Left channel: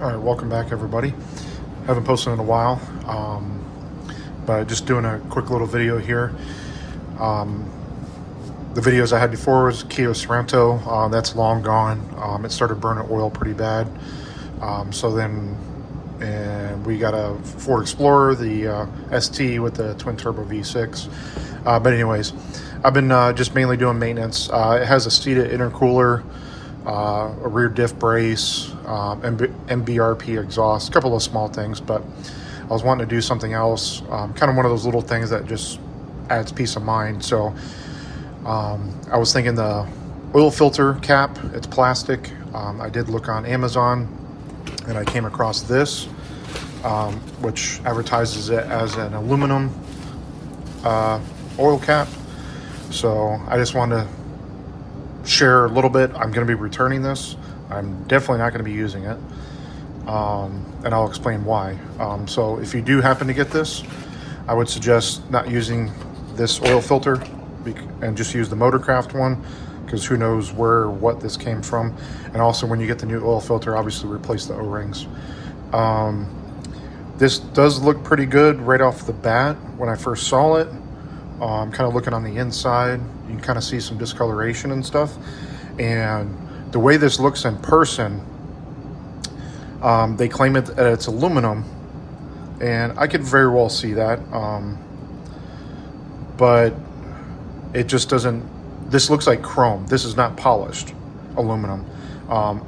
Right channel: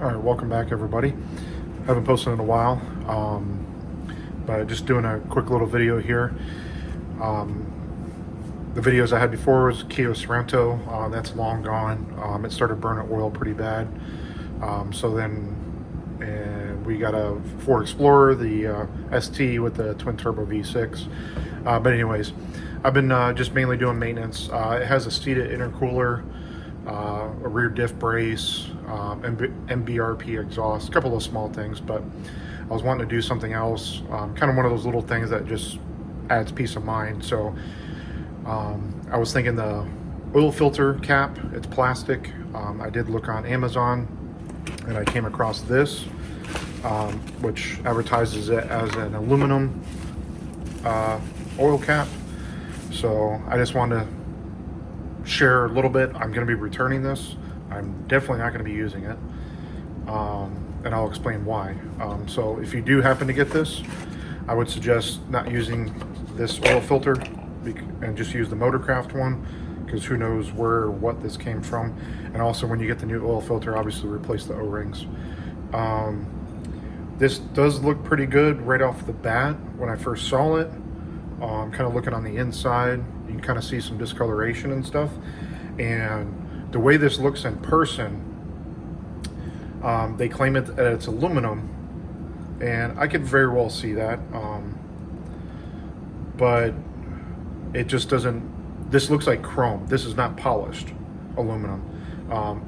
All right, welcome back, everybody. Haven't posted in a while, but just doing a quick little video here. The videos I had before was Kia Sorento. That's long gone. It started burning oil pretty bad. And we got a Ford Explorer, the ST with the twin turbo V6. But anyways, I've been just mainly doing maintenance. It has a seated intercooler, a rear diff brace, MBRP exhaust, a couple of small things, but I was wanting to do something else, kind of one of those little things that just adds peace of mind. So I was thinking the oil filter cap, it's plastic. I did look on Amazon and I came across this, which advertises it as an aluminum oil cap. So I just wanted to share a little bit. I'm going to be returning this. I'm definitely not going to be using it, and I'll explain why. So if you do happen to get this, I would suggest not using this oil filter and just use the Motorcraft one, because who knows where or what this came from. And also, when you get the new oil filter, obviously replace the O-rings. This does look pretty good right off the bat when I first saw it. I'm kind of looking on the inside. You can kind of see some discoloration and stuff. And the way this looks in person, they claim that it's aluminum, and I could very well see that. But it just doesn't, this looks like chrome. This is not polished aluminum.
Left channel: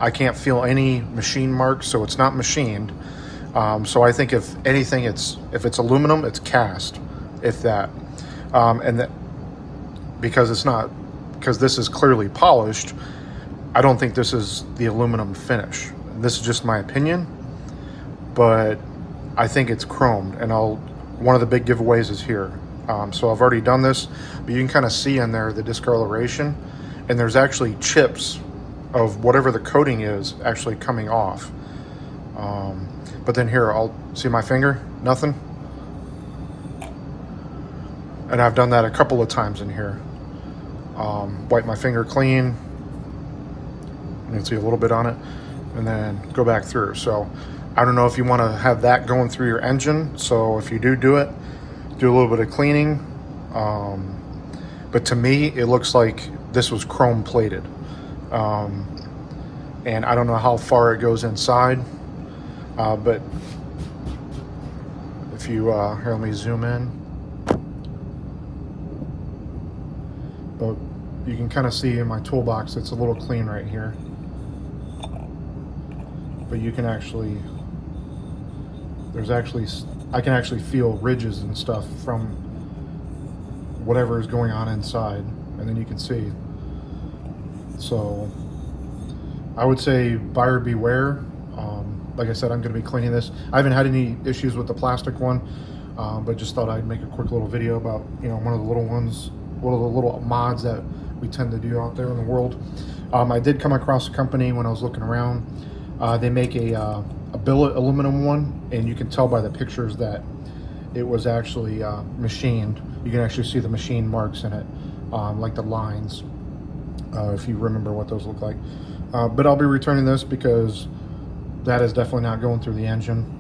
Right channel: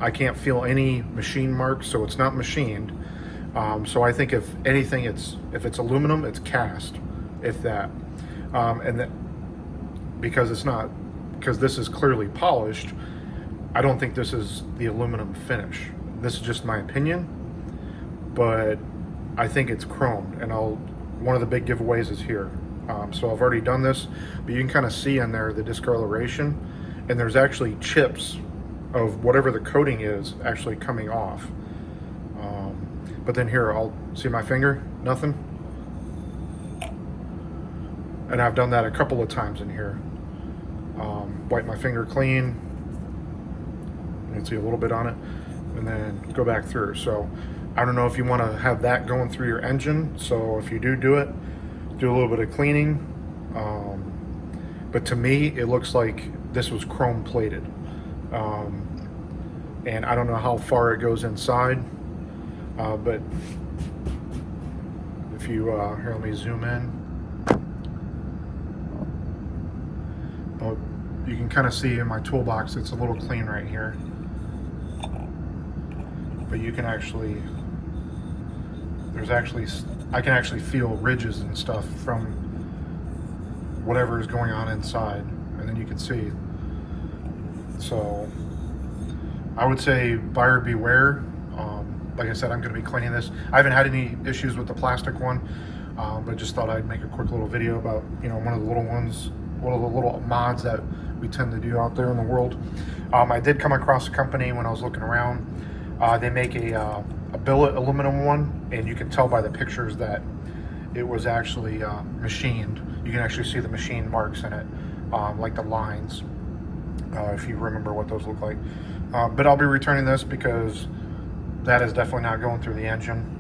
I can't feel any machine marks, so it's not machined. So I think if anything, if it's aluminum, it's cast, if that. Because this is clearly polished, I don't think this is the aluminum finish. This is just my opinion, but I think it's chromed, and one of the big giveaways is here. So I've already done this, but you can kind of see in there the discoloration, and there's actually chips of whatever the coating is actually coming off. But then here, I'll see my finger, nothing. And I've done that a couple of times in here. Wipe my finger clean. You can see a little bit on it, and then go back through. So I don't know if you want to have that going through your engine. So if you do it, do a little bit of cleaning. But to me, it looks like this was chrome plated. And I don't know how far it goes inside. But if you, here, let me zoom in. But you can kind of see in my toolbox, it's a little clean right here. But you can actually, I can actually feel ridges and stuff from whatever is going on inside. And then you can see. So I would say buyer beware. Like I said, I'm going to be cleaning this. I haven't had any issues with the plastic one, but just thought I'd make a quick little video about, one of the little ones, one of the little mods that we tend to do out there in the world. I did come across a company when I was looking around. They make a billet aluminum one, and you can tell by the pictures that it was actually machined. You can actually see the machine marks in it, like the lines, if you remember what those look like. But I'll be returning this because that is definitely not going through the engine.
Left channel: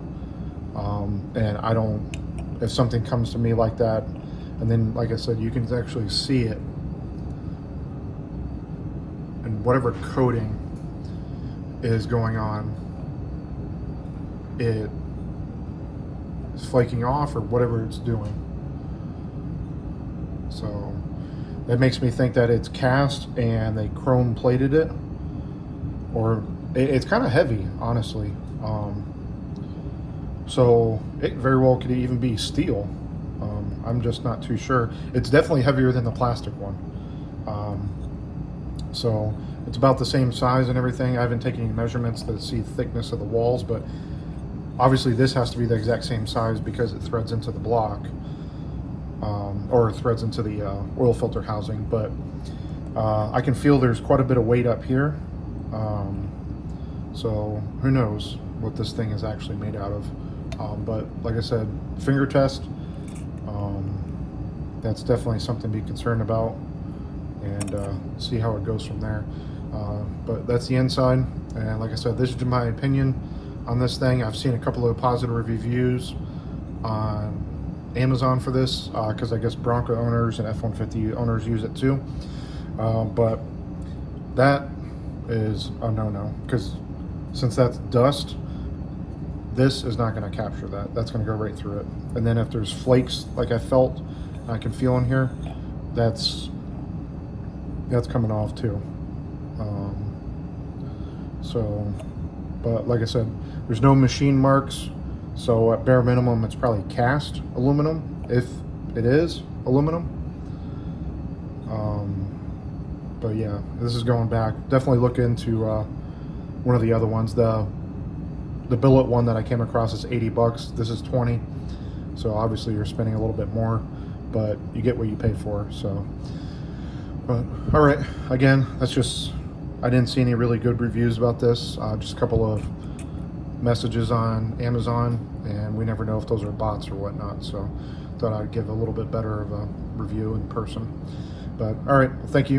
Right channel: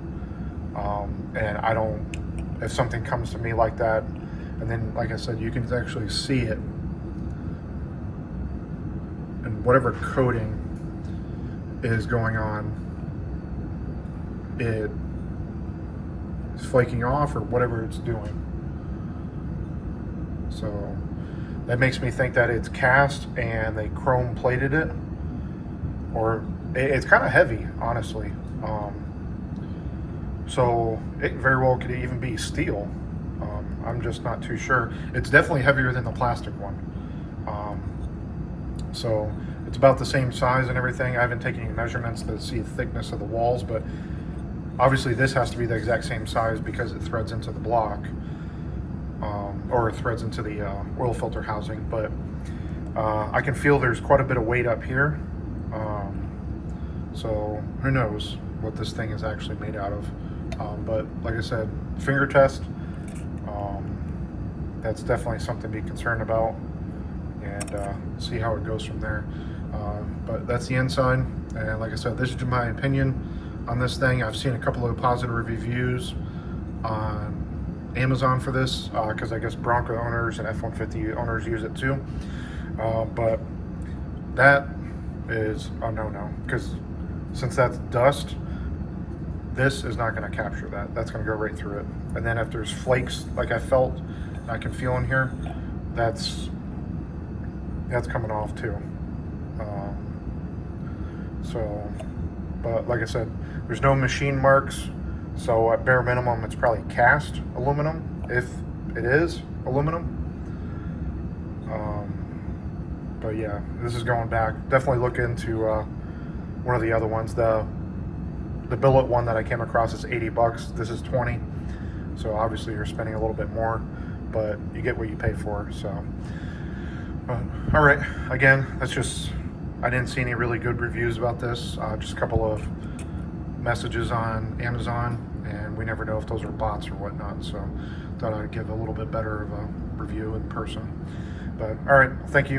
And if something comes to me like that, and then, like I said, you can actually see it, and whatever coating is going on, it is flaking off or whatever it's doing. So that makes me think that it's cast and they chrome plated it, or it's kind of heavy, honestly. So it very well could even be steel. I'm just not too sure. It's definitely heavier than the plastic one. So it's about the same size and everything. I haven't taken any measurements to see the thickness of the walls, but obviously this has to be the exact same size because it threads into the block, or threads into the oil filter housing. But I can feel there's quite a bit of weight up here. So who knows what this thing is actually made out of. But like I said, finger test, that's definitely something to be concerned about, and see how it goes from there. But that's the inside, and like I said, this is my opinion. on this thing. I've seen a couple of positive reviews on Amazon for this because I guess Bronco owners and F-150 owners use it too. But that is a no-no, because since that's dust, this is not going to capture that. That's going to go right through it. And then if there's flakes like I felt and I can feel in here, that's coming off too. But like I said, there's no machine marks, so at bare minimum it's probably cast aluminum, if it is aluminum. But yeah, this is going back. Definitely look into one of the other ones. The billet one that I came across is 80 bucks. This is 20, so obviously you're spending a little bit more, but you get what you pay for. So, but all right, again, that's just, I didn't see any really good reviews about this. Just a couple of messages on Amazon, and we never know if those are bots or whatnot. So thought I'd give a little bit better of a review in person. But all right, thank you.